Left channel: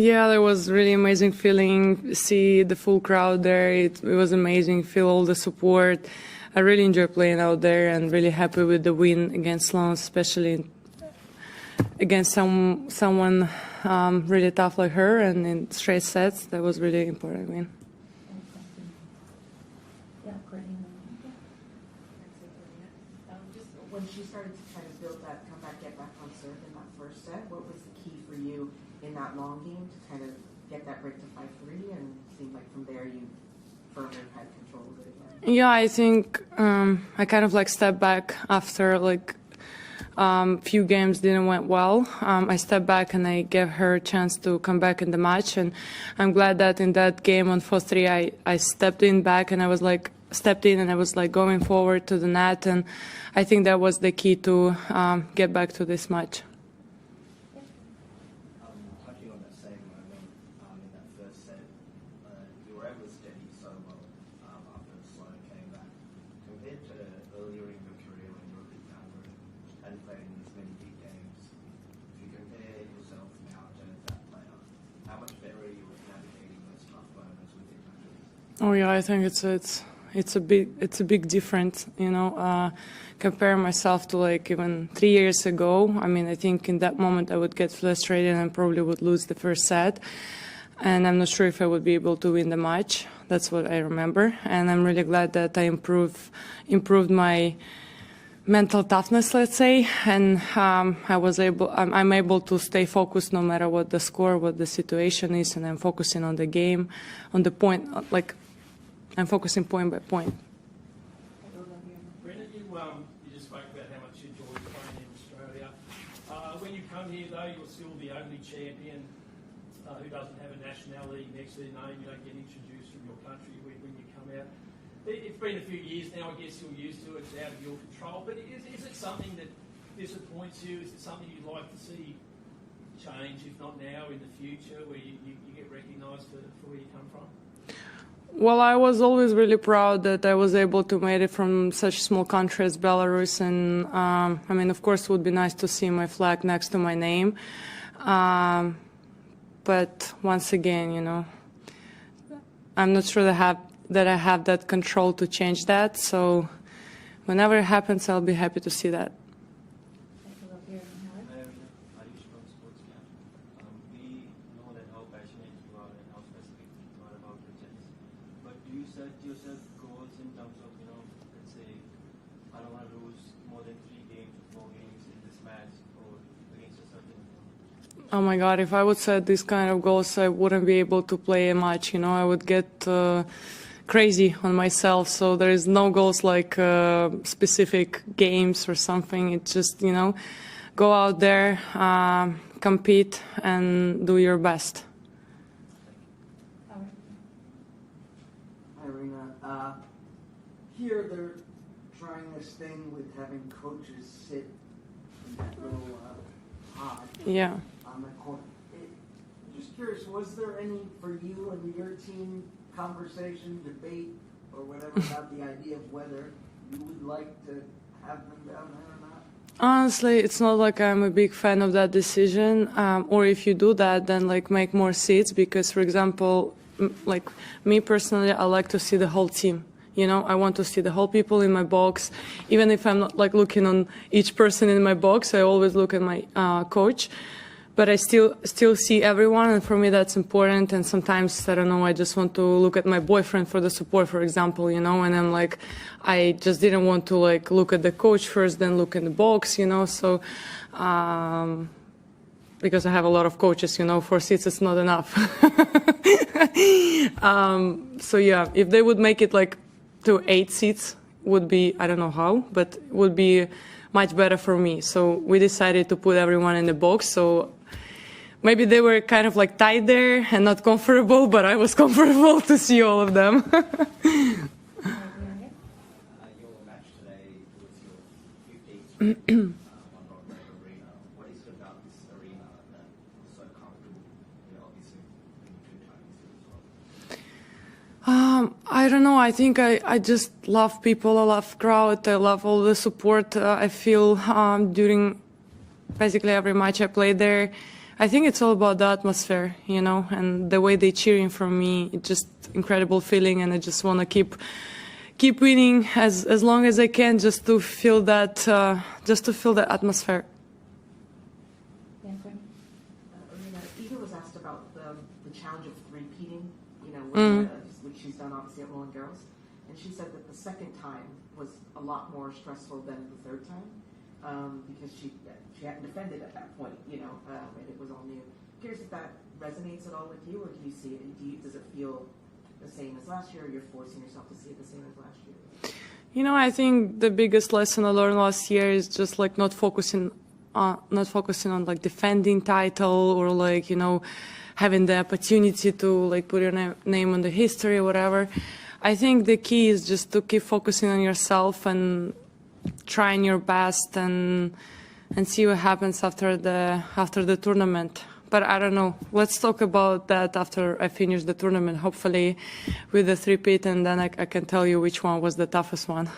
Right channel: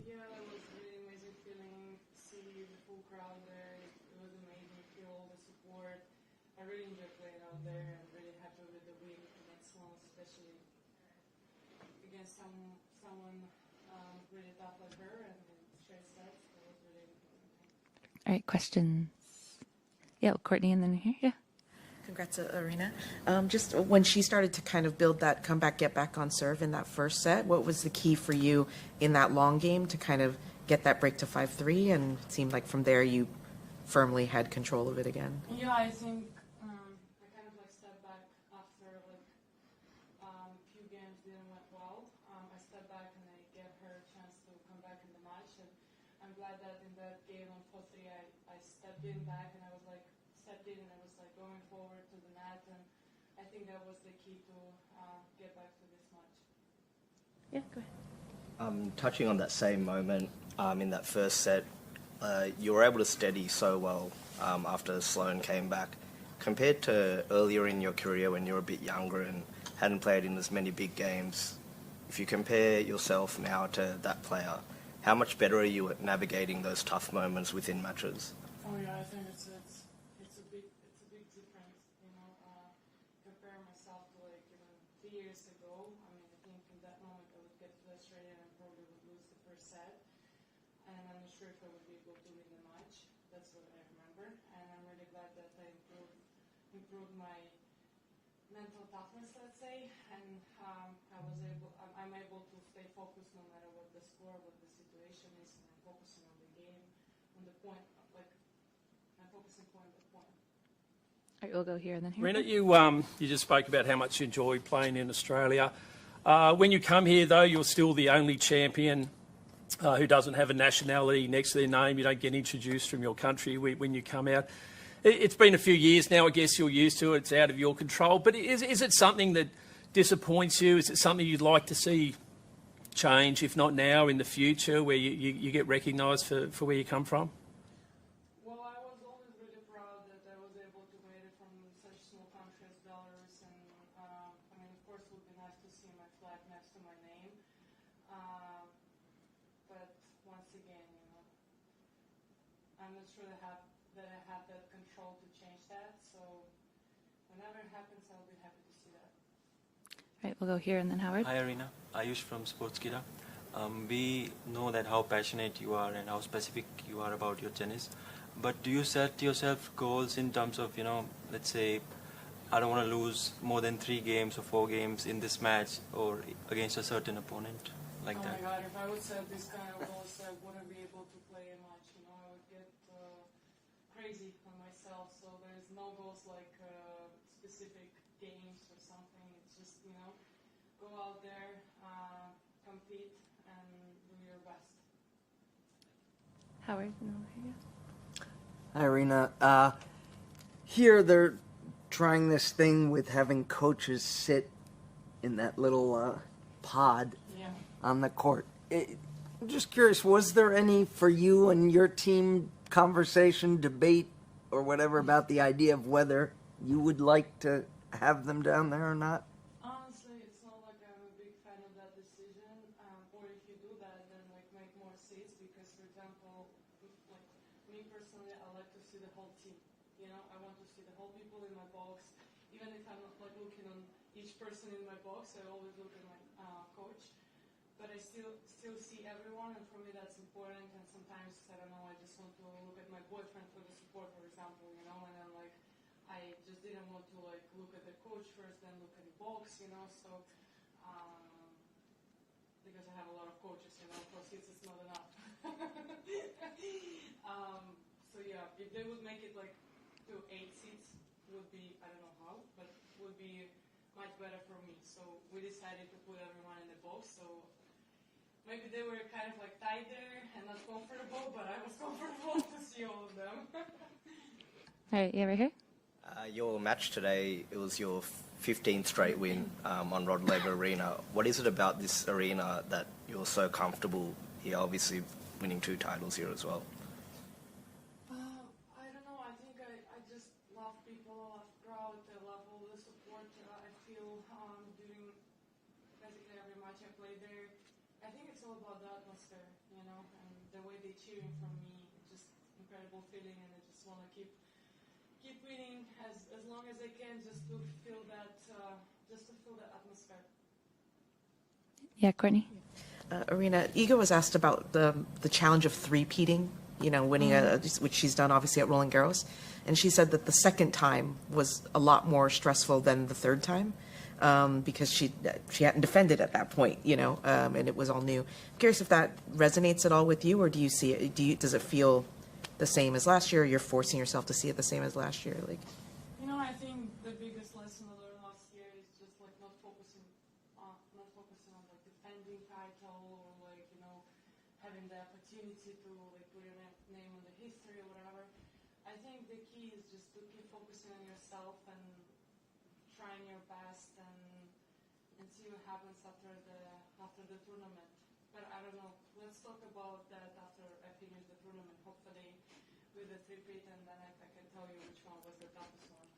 Yeah, that was really amazing feeling. See the full crowd there. It was amazing. Feel all the support. I really enjoy playing out there and really happy with the win against Sloane, especially against someone really tough like her and in straight sets. That was really important win. All right, questions. Yeah, Courtney, and then here. Yeah. Congrats, Aryna. Just when she started to kind of build that comeback, get back on serve in that first set, what was the key for you in that long game to kind of get that break to 5-3? And it seemed like from there you firmly had control of it again. Yeah, I think I kind of like stepped back after like few games didn't went well. I stepped back and I gave her a chance to come back in the match, and I'm glad that in that game on 4-3 I stepped in back and I was like going forward to the net, and I think that was the key to get back to this match. Yeah, go ahead. Touching on that same moment in that first set, you were able to steady so well after Sloane came back. Compared to earlier in your career when you were a bit younger and hadn't played in as many big games, if you compare yourself now to that player, how much better are you at navigating those tough moments within matches? Oh yeah, I think it's a big difference, you know. Compare myself to like even 3 years ago. I mean, I think in that moment I would get frustrated and probably would lose the first set, and I'm not sure if I would be able to win the match. That's what I remember, and I'm really glad that I improved my mental toughness, let's say, and I'm able to stay focused no matter what the score, what the situation is, and I'm focusing on the game, on the point, like I'm focusing point by point. All right, we'll go here and then here. Aryna, you just spoke about how much you enjoy playing in Australia. When you come here, though, you're still the only champion who doesn't have a nationality next to their name. You don't get introduced from your country when you come out. It's been a few years now. I guess you're used to it. It's out of your control. But is it something that disappoints you? Is it something you'd like to see change, if not now, in the future, where you get recognised for where you come from? Well, I was always really proud that I was able to make it from such small country as Belarus, and I mean, of course, it would be nice to see my flag next to my name. But once again, you know, I'm not sure that I have that control to change that. So whenever it happens, I'll be happy to see that. All right, we'll go here and then Howard. Hi, Aryna. Ayush from Sportskeeda. We know that how passionate you are and how specific you are about your tennis. But do you set yourself goals in terms of, you know, let's say, I don't want to lose more than 3 games or 4 games in this match or against a certain opponent? Like oh my God, if I would set these kind of goals, I wouldn't be able to play a match, you know, I would get crazy on myself. So there is no goals like specific games or something. It's just, you know, go out there, compete and do your best. Howard. Hi, Aryna. Here they're trying this thing with having coaches sit in that little pod on the court. I'm just curious, was there any, for you and your team, conversation, debate, or whatever about the idea of whether you would like to have them down there or not? Honestly, it's not like I'm a big fan of that decision, or if you do that, then like make more seats, because, for example, like me personally, I like to see the whole team. You know, I want to see the whole people in my box. Even if I'm not like looking on each person in my box, I always look at my coach. But I still see everyone, and for me that's important. And sometimes, I don't know, I just want to look at my boyfriend for the support, for example, you know, and I'm like, I just didn't want to like look at the coach first, then look in the box, you know, so because I have a lot of coaches, you know, 4 seats is not enough. So yeah, if they would make it like to 8 seats, would be, I don't know how, but would be much better for me. So we decided to put everyone in the box. So maybe they were kind of like tied there and not comfortable, but I was comfortable to see all of them. All right, yeah, right here. Your match today, it was your 15th straight win on Laver Arena. What is it about this arena that you're so comfortable here, obviously winning 2 titles here as well? I don't know. I think I just love people. I love crowd. I love all the support I feel during basically every match I play there. I think it's all about the atmosphere, you know, and the way they cheering for me. It's just incredible feeling, and I just want to keep winning as long as I can, just to feel that atmosphere. Yeah, Courtney. Aryna, Iga was asked about the challenge of three-peating, you know, winning, which she's done obviously at Roland Garros, and she said that the second time was a lot more stressful than the third time. Because she hadn't defended at that point, you know, and it was all new. I'm curious if that resonates at all with you, or do you see it? Does it feel the same as last year? Or you're forcing yourself to see it the same as last year, like. You know, I think the biggest lesson I learned last year is just like not focusing on like defending title, or like, you know, having the opportunity to like put your name on the history or whatever. I think the key is just to keep focusing on yourself and trying your best and see what happens after the tournament. But I don't know. Let's talk about that after I finish the tournament, hopefully with the three-peat, and then I can tell you which one was the toughest one.